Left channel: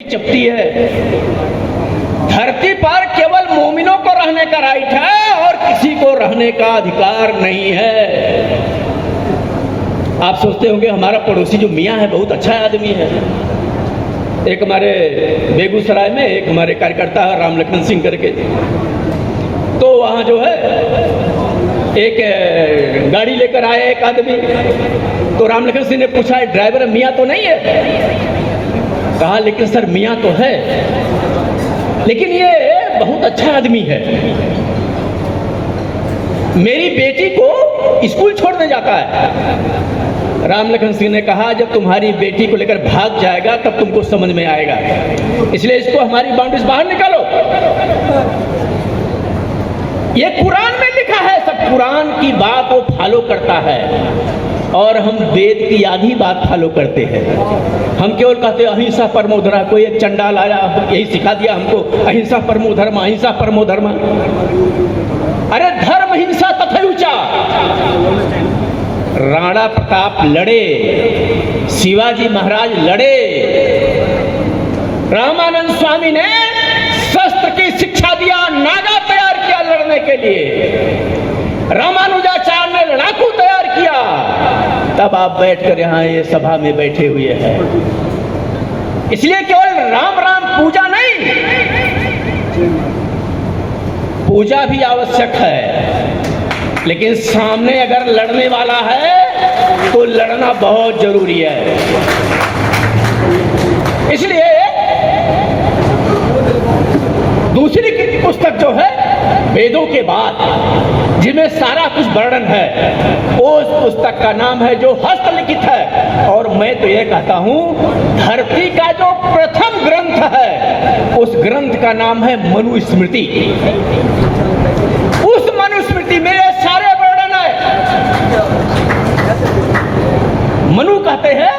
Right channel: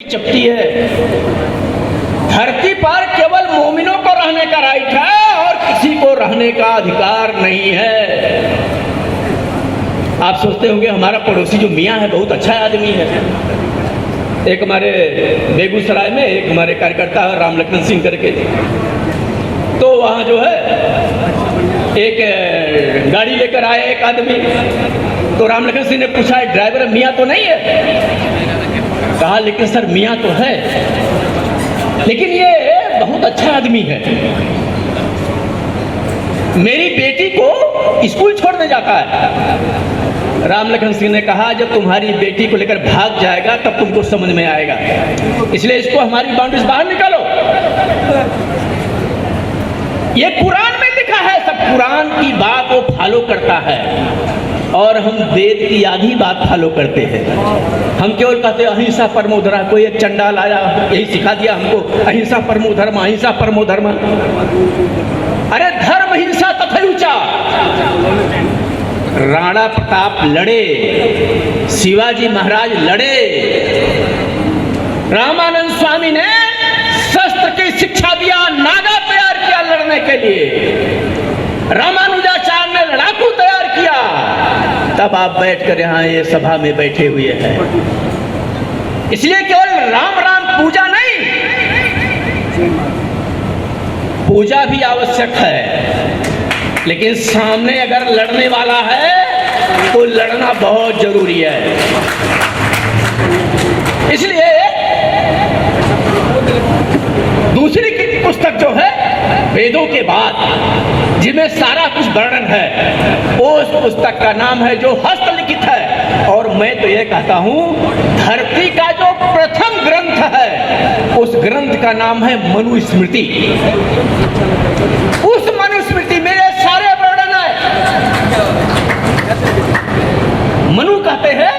चपटी है। धरती पर केवल मोमिनों को रहने का राइट है और किसी को रहने का अधिकार नहीं है। आप सोचते होंगे हमारा पड़ोसी जो मियाँ है बहुत अच्छा आदमी है। एक हमारे बेगूसराय में एक हमारे कार्यकर्ता है राम लखन सिंह करके, तो वहाँ जो है एक गाड़ी लेकर आया एक आदमी, तो राम लखन सिंह ने पूछा ड्राइवर मियाँ तो नहीं है? कहा लेकिन सर मियाँ तो है, लेकिन ये बहुत अच्छा आदमी है। मेरी बेटी को स्कूल छोड़ने जाता है। राम लखन सिंह ने कहा जब तुम्हारी बेटी को लेकर भाग जाएगा तब तुमको समझ में आएगा, इसलिए इसको हमारी बाउंड्रीज बाहर निकालो। ये कुरान में लिखा है, सब कुरान की बात वो फॉलो करता है और हम वेद की आधी बात फॉलो करते हैं। हम केवल कहते हैं अहिंसा परमो धर्म। कोई एक चंडाल आया यही सिखा दिया हमको, अहिंसा परमो धर्म, अहिंसा परमो धर्म। अरे धर्म हिंसा तथैचा। राणा प्रताप लड़े, शिवाजी महाराज लड़े, रामानंद स्वामी ने शस्त्र की शिक्षा दिया, नागा तैयार किया लड़ने के लिए, रामानुजाचार्य ने लड़ाकू तैयार किया, तब आप बैठकर यहाँ ये सभा में बैठे हुए हैं। इसलिए केवल राम राम पूजा नहीं, पूजा भी आवश्यक है, लेकिन सामने अगर लड़ने वाला है तो लड़ना बहुत जरूरी है। इसलिए दूसरी की पुस्तक जो है वेदों के बाद जिसमें सारा कुछ वर्णन है, उस पुस्तक का नाम है जो हस्तलिखित है। और मैं तो यह कहता हूं धरती का जो प्रथम ग्रंथ है उस ग्रंथ का नाम है मनुस्मृति। उस मनुस्मृति में ये सारे वर्णन है। मनु कहते हैं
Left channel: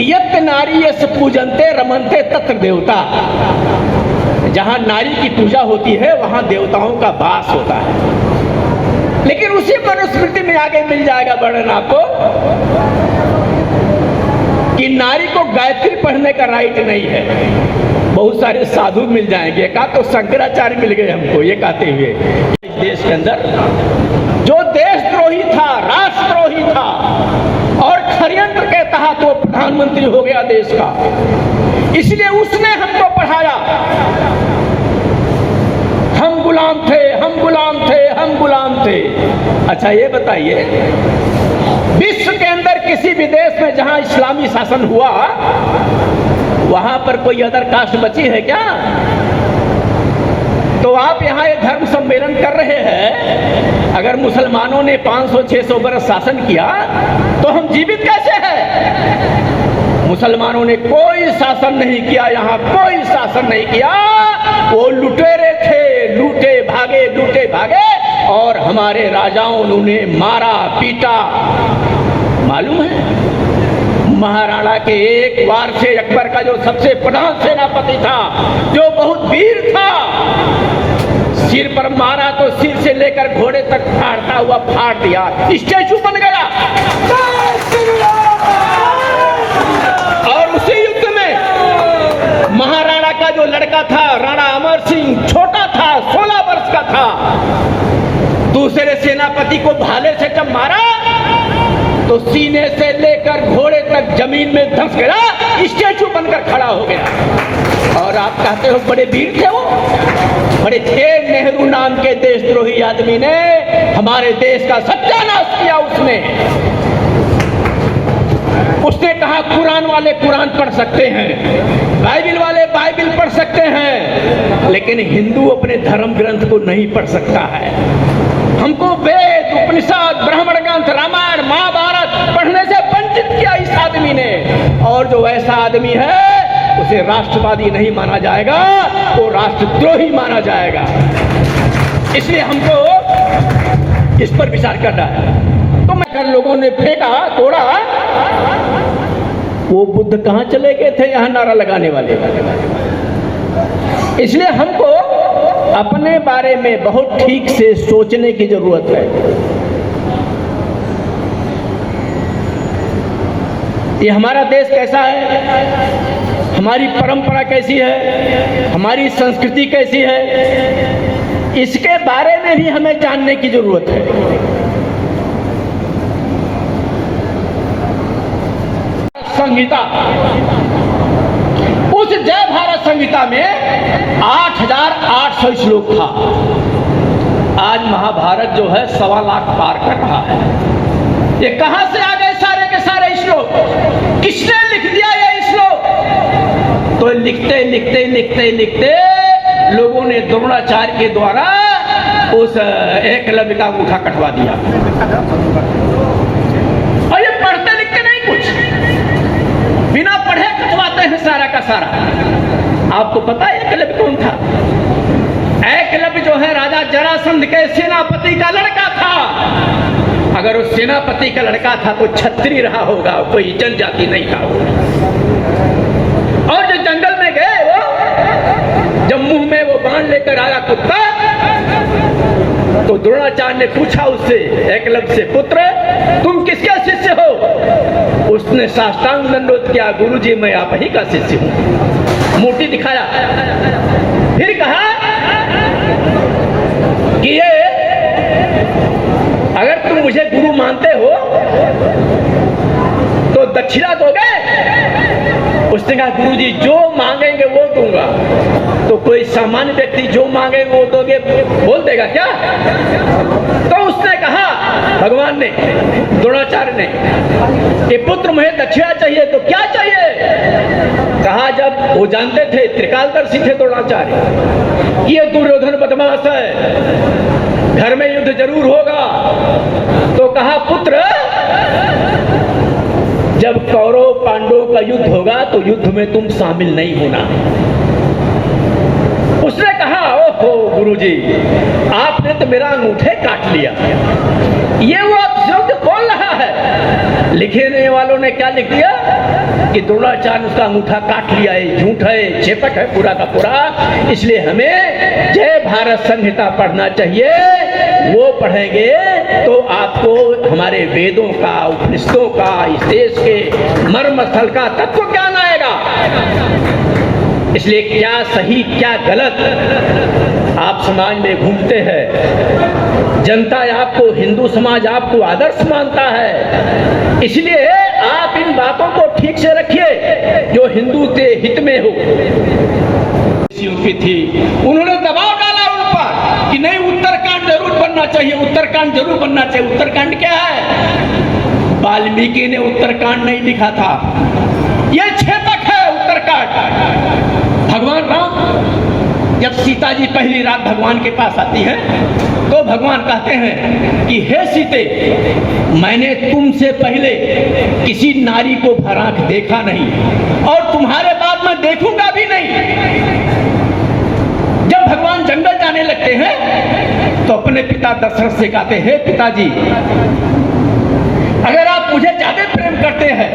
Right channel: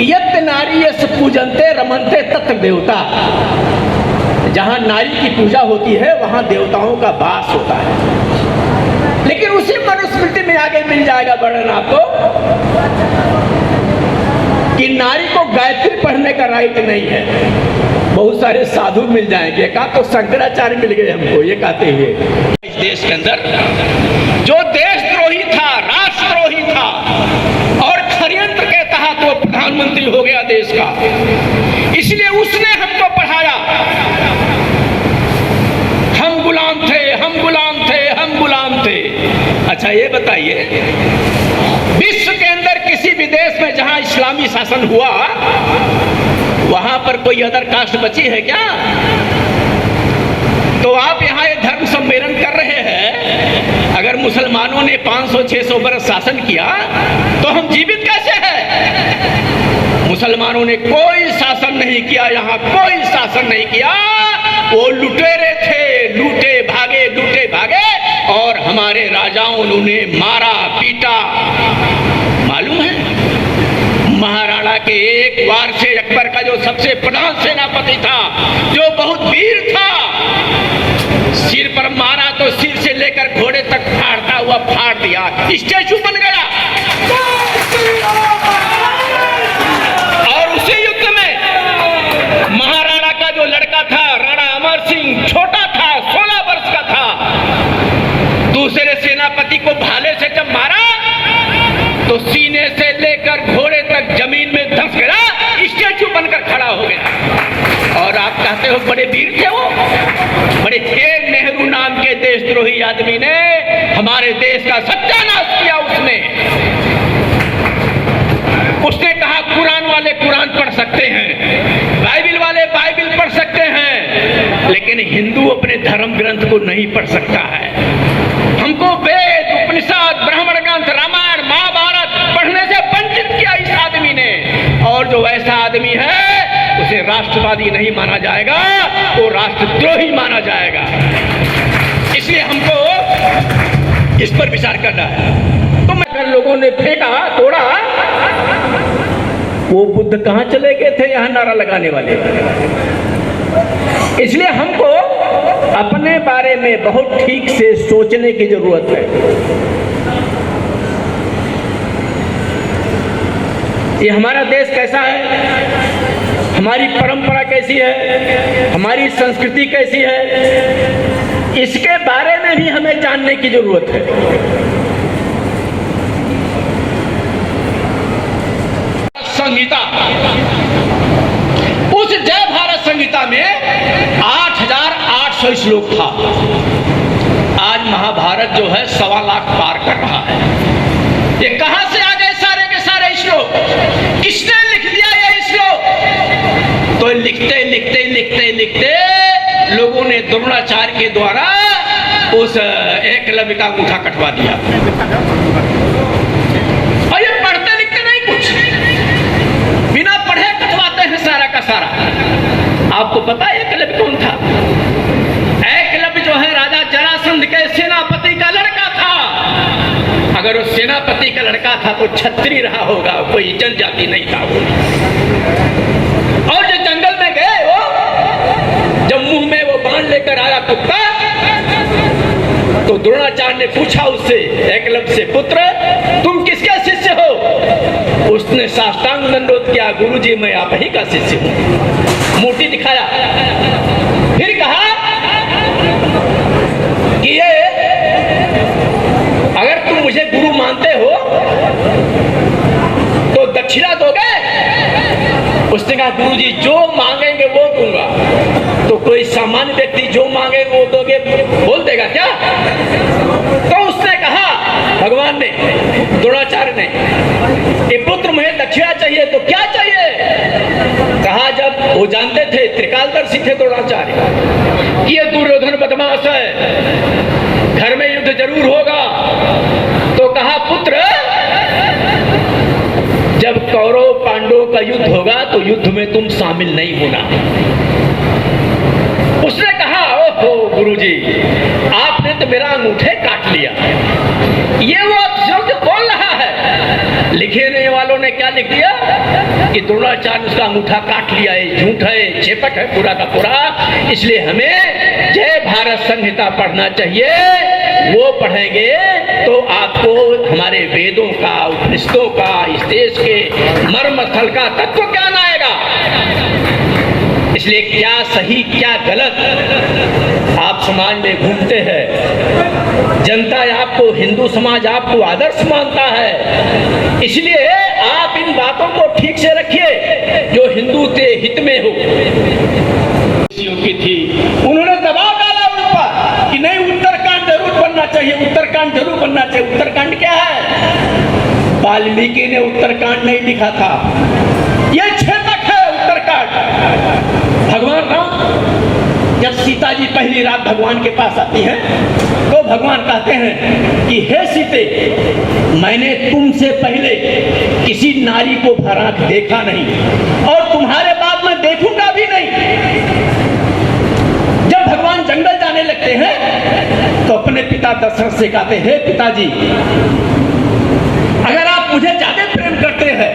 यत् नारी यस्य पूजन्ते रमन्ते तत्र देवता। जहां नारी की पूजा होती है वहां देवताओं का वास होता है। लेकिन उसी मनुस्मृति में आगे मिल जाएगा वर्णन आपको कि नारी को गायत्री पढ़ने का राइट नहीं है। बहुत सारे साधु मिल जाएंगे, कहा तो शंकराचार्य मिल गए हमको ये कहते हुए। इस देश के अंदर जो देशद्रोही था, राष्ट्रद्रोही था और षड्यंत्र के तहत वो प्रधानमंत्री हो गया देश का, इसलिए उसने हमको पढ़ाया। हम गुलाम थे, हम गुलाम थे, हम गुलाम थे। अच्छा ये बताइए विश्व के अंदर किसी भी देश में जहां इस्लामी शासन हुआ वहां पर कोई अदर कास्ट बची है क्या? तो आप यहाँ ये धर्म सम्मेलन कर रहे हैं, अगर मुसलमानों ने 500-600 बरस शासन किया तो हम जीवित कैसे हैं? मुसलमानों ने कोई शासन नहीं किया, यहाँ कोई शासन नहीं किया। वो लुटेरे थे, लूटे भागे, लूटे भागे, और हमारे राजाओं ने उन्हें मारा पीटा। मालूम है महाराणा के एक वार से अकबर का जो सबसे प्रधान सेनापति था, जो बहुत वीर था, सिर पर मारा तो सिर से लेकर घोड़े तक फाड़ता हुआ फाड़ दिया, स्टैचू बन गया। और उसी युद्ध में महाराणा का जो लड़का था राणा अमर सिंह, छोटा था, 16 वर्ष का था, दूसरे सेनापति को भाले से जब मारा तो सीने से लेकर घोड़े तक जमीन में धंस गया, स्टैचू बनकर खड़ा हो गया। और आप कहते हो बड़े वीर थे वो, बड़े थे। नेहरू नाम के देशद्रोही आदमी ने हमारे देश का सत्यानाश किया। उसने कहा कुरान वाले कुरान पढ़ सकते हैं, बाइबिल वाले बाइबिल पढ़ सकते हैं, लेकिन हिंदू अपने धर्म ग्रंथ को नहीं पढ़ सकता है। हमको वेद, उपनिषद, ब्राह्मण ग्रंथ, रामायण, महाभारत पढ़ने से वंचित किया इस आदमी ने। और जो ऐसा आदमी है उसे राष्ट्रवादी नहीं माना जाएगा, वो राष्ट्रद्रोही माना जाएगा। इसलिए हमको इस पर विचार करना है। तो अगर लोगों ने फेंका, तोड़ा, वो बुद्ध कहां चले गए थे यहां नारा लगाने वाले? इसलिए हमको अपने बारे में बहुत ठीक से सोचने की जरूरत है। ये हमारा देश कैसा है, हमारी परंपरा कैसी है, हमारी संस्कृति कैसी है, इसके बारे में भी हमें जानने की जरूरत है। संहिता, उस जय भारत संहिता में 8,800 श्लोक था। आज महाभारत जो है 1.25 लाख पार कर रहा है। ये कहां से आ गए सारे के सारे श्लोक? किसने लिख दिया ये श्लोक? तो लिखते लिखते लिखते लिखते लोगों ने द्रोणाचार्य के द्वारा उस एकलव्य का अंगूठा कटवा दिया। और ये पढ़ते लिखते नहीं, कुछ बिना पढ़े कटवाते हैं सारा का सारा। आपको पता है एकलव्य कौन था? एकलव्य जो है राजा जरासंध के सेनापति का लड़का था। अगर वो सेनापति का लड़का था तो क्षत्रिय रहा होगा, कोई जनजाति नहीं था वो। और जो जंगल में गए वो, जब मुंह में वो बाण लेकर आया कुत्ता, तो द्रोणाचार्य ने पूछा उससे, एकलव्य से, पुत्र तुम किसका शिष्य हो? उसने साष्टांग दंडोत किया, गुरुजी मैं आप ही का शिष्य हूं। मूर्ति दिखाया, फिर कहा कि ये अगर तुम मुझे गुरु मानते हो तो दक्षिणा दोगे? उसने कहा गुरुजी जो मांगेंगे वो दूंगा। तो कोई सामान्य व्यक्ति जो मांगेंगे वो दोगे बोल देगा क्या? तो उसने कहा, भगवान ने, द्रोणाचार्य ने, कि पुत्र मुझे दक्षिणा चाहिए तो क्या चाहिए? कहा जब वो जानते थे, त्रिकालदर्शी थे द्रोणाचार्य, ये दुर्योधन बदमाश है, घर में युद्ध जरूर होगा। तो कहा पुत्र जब कौरव पांडवों का युद्ध होगा तो युद्ध में तुम शामिल नहीं होना। उसने कहा ओहो गुरुजी आपने तो मेरा अंगूठे काट लिया। ये वो शब्द बोल रहा है, लिखने वालों ने क्या लिख दिया कि द्रोणाचार्य उसका अंगूठा काट लिया है। झूठ है, छेपक है पूरा का पूरा। इसलिए हमें जय भारत संहिता पढ़ना चाहिए। वो पढ़ेंगे तो आपको हमारे वेदों का, उपनिषदों का, इस देश के मर्म स्थल का तत्व ज्ञान आएगा। इसलिए क्या सही क्या गलत आप समाज में घूमते हैं, जनता आपको, हिंदू समाज आपको आदर्श मानता है। इसलिए आप इन बातों को ठीक से रखिए जो हिंदू के हित में हो। की थी, उन्होंने दबाव डाला ऊपर कि नहीं उत्तरकांड जरूर बनना चाहिए, उत्तरकांड जरूर बनना चाहिए। उत्तरकांड क्या है? वाल्मीकि ने उत्तरकांड नहीं लिखा था, यह छेदक है उत्तरकांड। भगवान राम जब सीता जी पहली रात भगवान के पास आती है तो भगवान कहते हैं कि हे सीते मैंने तुमसे पहले किसी नारी को भरांक देखा नहीं और तुम्हारे बाद मैं देखूंगा भी नहीं। जब भगवान जंगल जाने लगते हैं तो अपने पिता दशरथ से कहते हैं, पिताजी अगर आप मुझे ज्यादा प्रेम करते हैं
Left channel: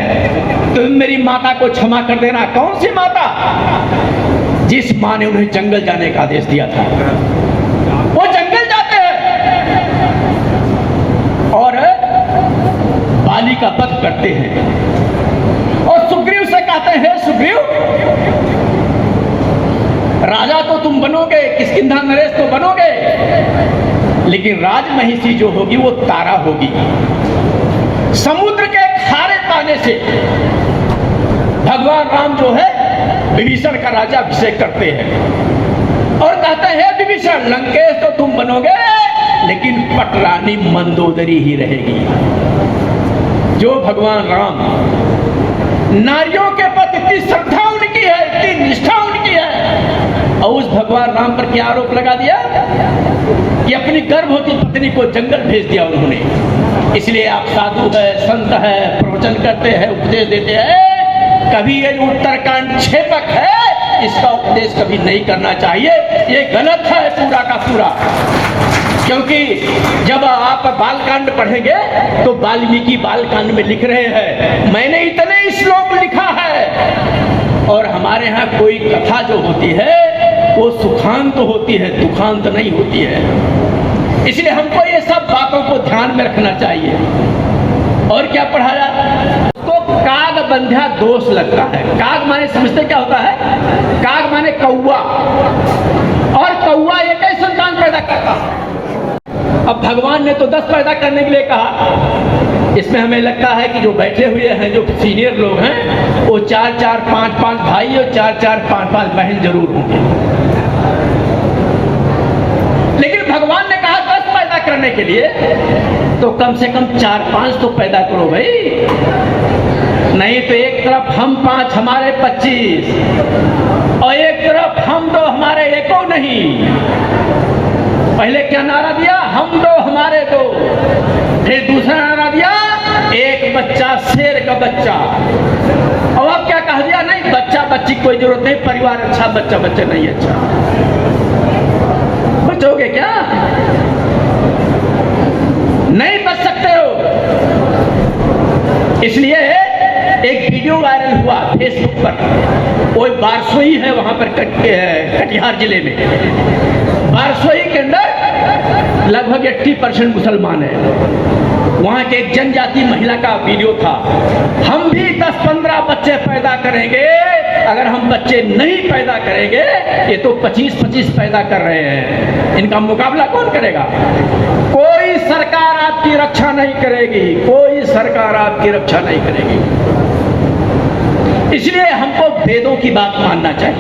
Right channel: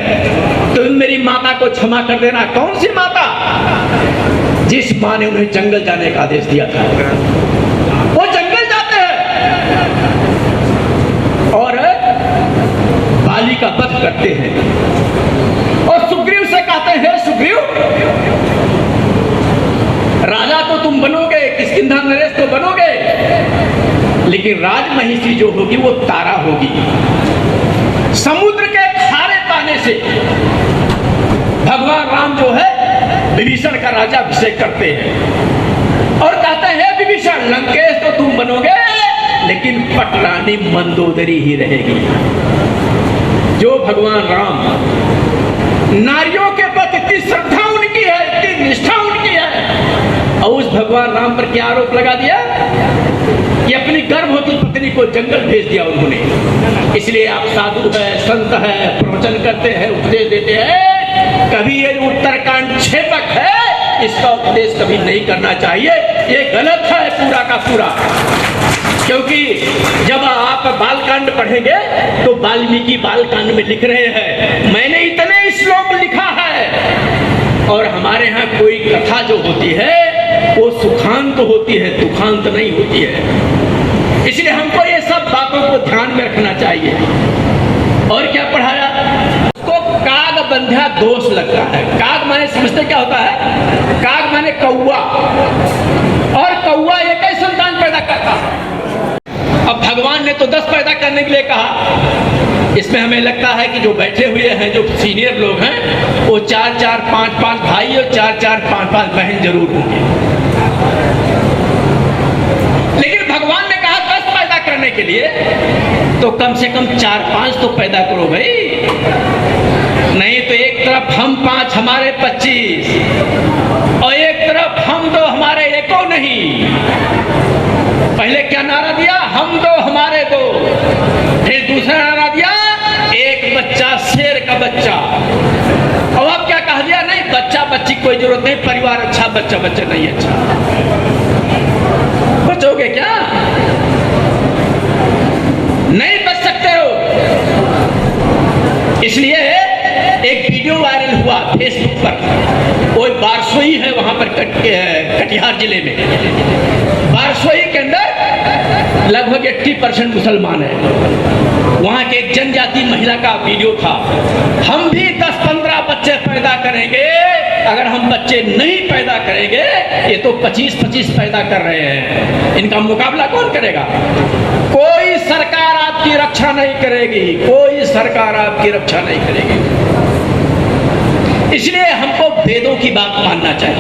तो मेरी माता को क्षमा कर देना। कौन सी माता? जिस मां ने उन्हें जंगल जाने का आदेश दिया था। वो जंगल जाते हैं और बाली का वध करते हैं और सुग्रीव से कहते हैं, सुग्रीव राजा तो तुम बनोगे, किष्किंधा नरेश तो बनोगे, लेकिन राजमहिषी जो होगी वो तारा होगी। समुद्र के खारे पानी से भगवान राम जो है विभीषण का राजा अभिषेक करते हैं और कहते हैं विभीषण लंकेश तो तुम बनोगे लेकिन पटरानी मंदोदरी ही रहेगी। जो भगवान राम, नारियों के प्रति इतनी श्रद्धा उनकी है, इतनी निष्ठा उनकी है, और उस भगवान राम पर क्या आरोप लगा दिया कि अपनी गर्भवती पत्नी को जंगल भेज दिया उन्होंने। इसलिए आप साधु है, संत है, प्रवचन करते हैं, उपदेश देते हैं, कभी ये उत्तरकांड छेपक है, इसका उपदेश कभी नहीं करना चाहिए। ये गलत है पूरा का पूरा। क्योंकि जब आप बालकांड पढ़ेंगे तो वाल्मीकि बालकांड में लिख रहे हैं मैंने इतने श्लोक लिखा है। और हमारे यहाँ कोई कथा जो होती है वो सुखांत होती है, दुखांत नहीं होती है। इसलिए हमको ये सब बातों को ध्यान में रखना चाहिए। और क्या पढ़ाया? उसको काग संध्या दोष लगता है। काग माने समझते क्या होता है? काग माने कौवा, और कौवा एक ही संतान पैदा करता है। अब भगवान ने तो 10 पैदा करने के लिए कहा। इसमें हमें लगता है कि जो बैठे हुए हैं, जो सीनियर लोग हैं, वो 4-4, 5-5 भाई और 4-4, 5-5 बहन जरूर होंगे। लेकिन भगवान ने कहा 10 पैदा करने के लिए, तो कम से कम 4-5 तो पैदा करो भाई। नहीं तो एक तरफ हम 5 हमारे 25, और एक तरफ हम 2 हमारे एको नहीं। पहले क्या नारा दिया? हम 2 हमारे 2। फिर दूसरा नारा दिया, एक बच्चा शेर का बच्चा। और अब क्या कह दिया? नहीं, बच्चा बच्ची कोई जरूरत नहीं, परिवार अच्छा, बच्चा बच्चा नहीं अच्छा। बचोगे क्या? नहीं बच सकते हो। इसलिए एक वीडियो वायरल हुआ फेसबुक पर। वो बारसोई है वहां पर, कटिहार जिले में। बारसोई के अंदर लगभग 80% मुसलमान है। वहां के एक जनजाति महिला का वीडियो था। हम भी 10-15 बच्चे पैदा करेंगे, अगर हम बच्चे नहीं पैदा करेंगे, ये तो 25-25 पैदा कर रहे हैं, इनका मुकाबला कौन करेगा? कोई सरकार आपकी रक्षा नहीं करेगी, कोई सरकार आपकी रक्षा नहीं करेगी। इसलिए हमको वेदों की बात मानना चाहिए।